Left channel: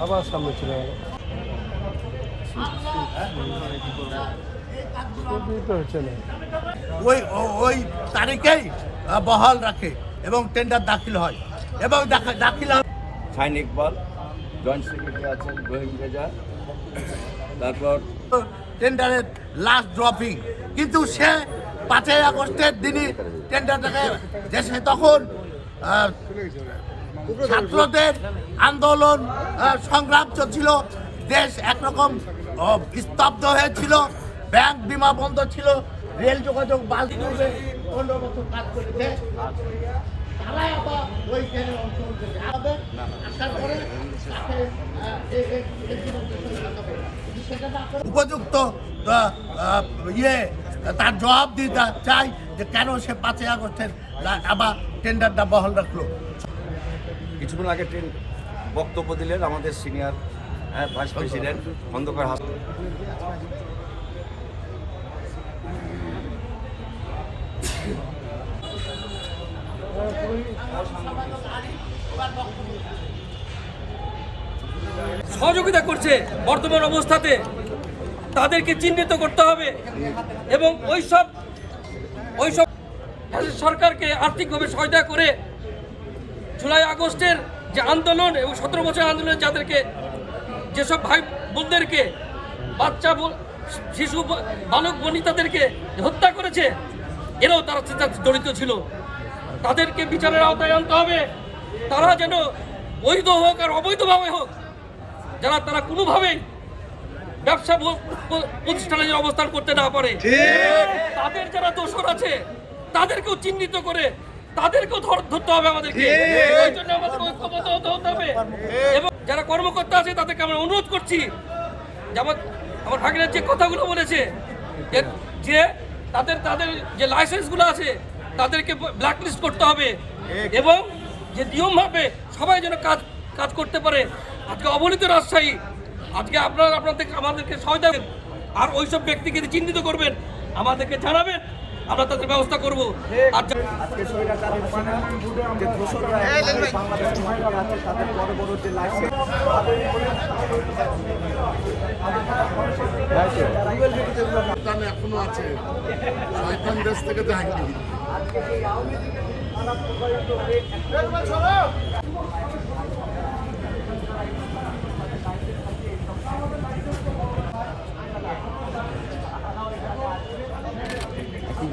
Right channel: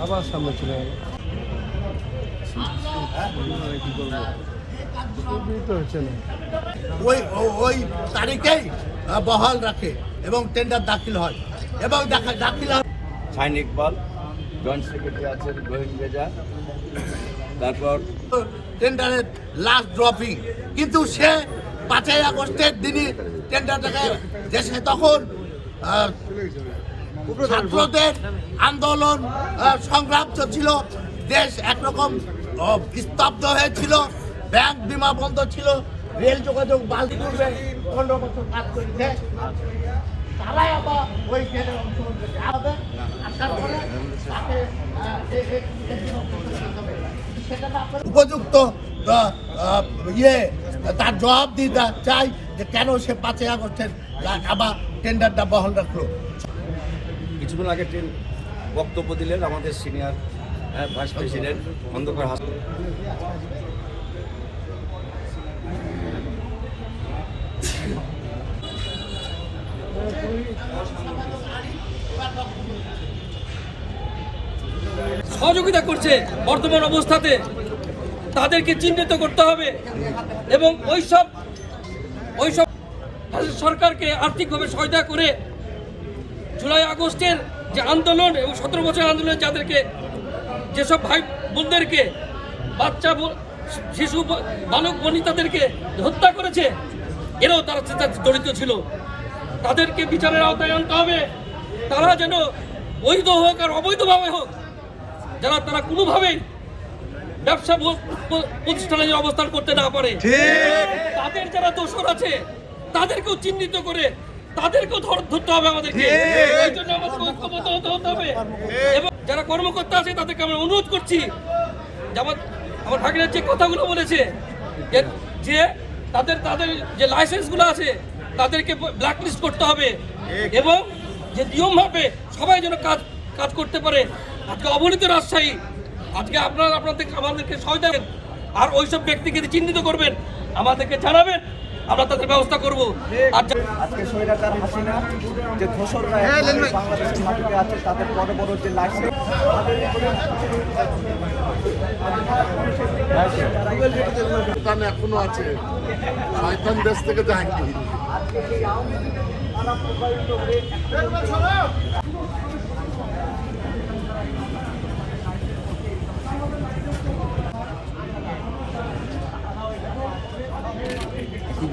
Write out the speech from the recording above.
আবার ওই ওই তারিখেই বহাল রাখে এবং টেন্ডার দাখিল হয়। এবং দাখা- দাখিল শাইন ইকবাল, জয়েন্ট সেক্রেটারি আছেন রোহিত রেজা তারপর টেন্ডারের লাস্ট ড্রপিং কিন্তু সে পাঁচই আগস্টের দিনই টেন্ডারটাকে দেশে তখন ছাত্রদের আন্দোলন সংগ্রাম চলছিল দেশ একরকম স্তব্ধ হয়েছিল। ব্যাংক বিমা বন্ধ ছিল। রেল যোগাযোগ বাস আহ, ইয়ে তার জবাব দিতে চাই যে কেন সে পাঁচই আগস্টের আবার টেন্ডারটা বহাল রাখল। কিছুদিন আগে বক্তব্য দিলেন আমাদের senior vice president Khandakar Hasan সহযোগিতা করছে বর্তমান অবস্থাতে। তাদেরকে চিহ্নিত করতে হবে এবং ওইসব ওইসব সরকারকে আর্থিকভাবে সহায়তা করে জুলাই আগস্টের যে আন্দোলন এবং সতেরো বছর আন্দোলন যাদেরকে যেসব ভাই বোনদেরকে বাচ্চা শিশু বালক বনিতাদেরকে হত্যা করেছে, এরাও তারা তার জড়িত ছিল। তাদেরকে বিচারের আওতায় আনতে হবে। তারা যেন বৈধ হোক আর অবৈধভাবে হোক, যারা তারা কোনোভাবেই ব্যবসা প্রতিষ্ঠানে যেন অবস্থান করতে না পারে তাদের যারা দোষর আছে তাদেরকেও চিহ্নিত করে তাদেরকেও ধর- ধরতে হবে আমাদেরকে। ওই জন্য আমাদের ঐক্যবদ্ধ হতে হতে হবে। এবং যারা কর্মকর্তা আছে তাদেরকে আমরা অনুরোধ করছি যেমন আমার ভাগিনের যে কথাগুলো বলেছে যে- যে তাদের তাদের যে লাইসেন্সগুলো আছে তাদেরকে ব্ল্যাকলিস্ট করতে হবে। এবং যে নিয়মভাবে সবাই যেন কাজ কাজ করতে পারে। আজকে অবনীত রাজশাহী আজকে আপনারা আপনাদের আমাদেরকে সহায়তা করবেন। আর ওইসব ব্যক্তিকে চিহ্নিত করবেন আমাদেরকে জানাবেন আমরা তাদের ব্যবস্থা করব। আর যা- আজকে স্বৈরাচার হাসিনা যে ধূসররা বাংলাদেশ আছে তাদের বড় বড় যে লাইসেন্স শয়তান এখনও আছে। শয়তান দেশ থেকে যায়নি